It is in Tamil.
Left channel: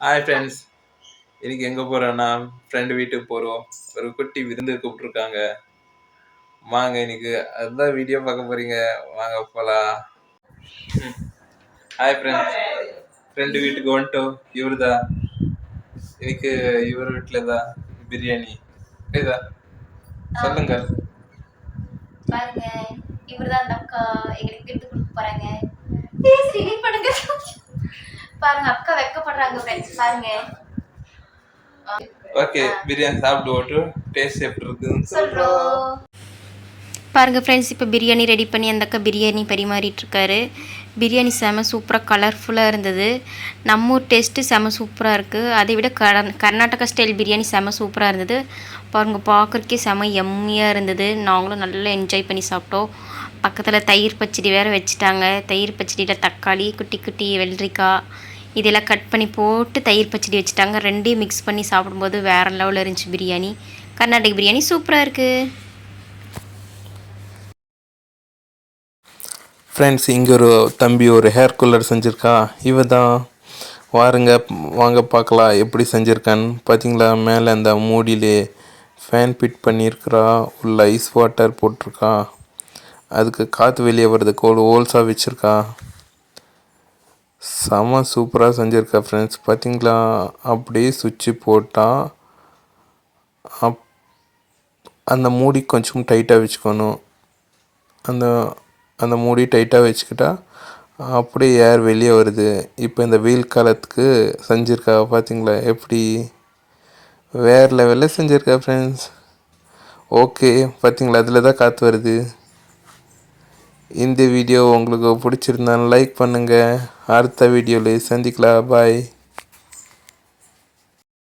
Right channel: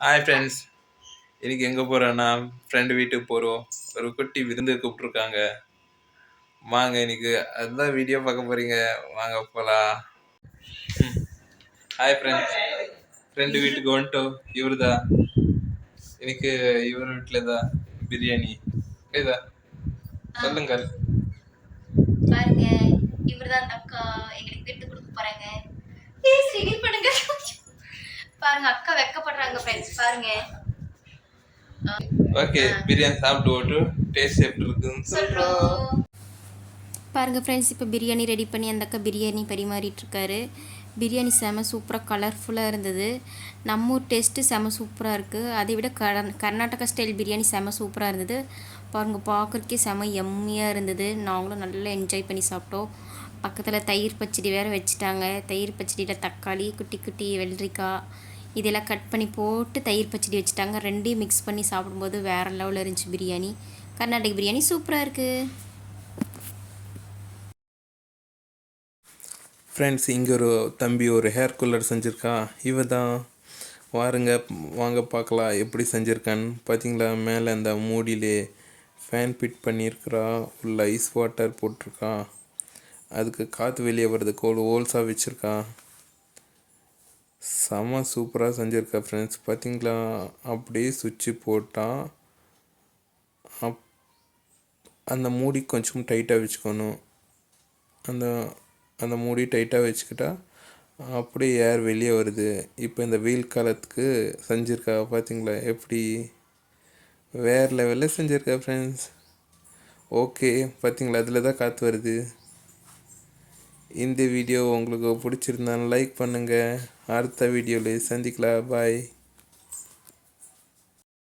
ஹாய் ஃப்ரெண்ட்ஸ் இன்னைக்கு எங்கே போகிறோன்னா ஃப்ரெண்டு வீட்டுக்கு போகிறோம் ஒரு குட்டி விருந்து கூப்பிட்ருக்காங்க வாங்க இன்னைக்கு அதுதான் வீடியோ பார்க்க போகிறீங்க வாங்க போகலாம் ஹாய் ஃப்ரெண்ட்ஸ் ஃப்ரெண்டு வீட்டுக்கு வந்துட்டோம் இவர் தான் இன்னைக்கு இவர் வீட்டில் தான் பிரியாணி. ஏதா? சொல்லுங்க. பாருங்க. இவர்தான் அந்த அக்கா. எங்களுக்கு விருந்து கொடுக்க போகிறாங்க பண்ணுங்க. பாருங்க அக்கா. வெக்கப்படுறாங்க ஃப்ரெண்ட்ஸ் பாருங்க. ஓகே பிரியாணி சாப்பிட்டு ஓட்டு டேஸ்ட் எப்படி இருக்குன்னு சொல்றோம். பாருங்க ஃப்ரெண்ட்ஸ் இப்போ பிரியாணி ரெடி பண்ணி அந்த அக்கா பிரியாணி பரிமாறிட்டு இருக்காரு பிரியாணி செம சூப்பராக கலர்ஃபுல்லாக இருந்தது. நம்ம ஊர் டேஸ்ட்டு செம சூப்பராக இருக்குது அதை விட கர கர்நாடகா ஸ்டைல் பிரியாணி செம சூப்பராக இருந்தது. பாருங்க பார்க்குறக்கே செம எம்மியாக இருந்தது. நாங்களும் நல்லா என்ஜாய் பண்ணி சாப்பிட்டோம். பக்கத்தில் தயிர் பச்சடி வேறு வச்சுட்டாங்க. தயிர் பச்சடியில் தக்காளி குட்டி குட்டி வெள்ளரிக்காய் இதெல்லாம் கட் பண்ணி போட்டு தயிர் பச்சடி வச்சுட்டாங்க. ரெண்டையும் மிக்ஸ் பண்ணி சாப்பிடும்போது வேறு லெவலில் இருந்துச்சு பிரியாணி. கர்நாடக பிரியாணி சூப்பராக இருக்குது ஃப்ரெண்ட்ஸ் இங்கே ஒரு தம்பி ஒரு ஹேர் கூலர் செஞ்சுருக்கா. இவ தான் வாருங்க வாங்க பார்க்கலாம் எப்படி செஞ்சுருக்கான்னு. பார்த்தீங்களா மேலே அந்த மூடியிலே ஃபேன் ஃபிட் பண்ணியிருக்கிறா. உள்ள ஐஸ் வாட்டர் போட்டிருக்கா. அதுக்கு காற்று வெளியே வர்றதுக்கு ஒரு ஹோல்ஸாக வச்சுருக்கா. செம சூப்பராக செஞ்சுருக்கா ஃப்ரெண்ட்ஸ் பார்த்தீங்களா அப்படியே சுவிட்சு போட்டால் அப் அந்த மூடி கொஞ்சம் டைட்டாக வச்சுக்கணும். அந்த அந்த மூடி டைட்டாக வச்சுக்கிட்டா அப்படியே ஏர் வெளியே வருது. இப்போ இந்த வெயில் காலத்துக்கு செஞ்சுருக்கா பார்த்தீங்களா எப்படி? வேறு லெவலில் செஞ்சுருக்கா ஃப்ரெண்ட்ஸ் ஓகே பார்த்தீங்களா அதில் தான் காற்று வருது. இந்த வீடியோ உங்களுக்கு பிடிச்சிருந்தா லைக் பண்ணுங்கள் அடுத்த வீடியோவில் சந்திக்கலாம். பாய்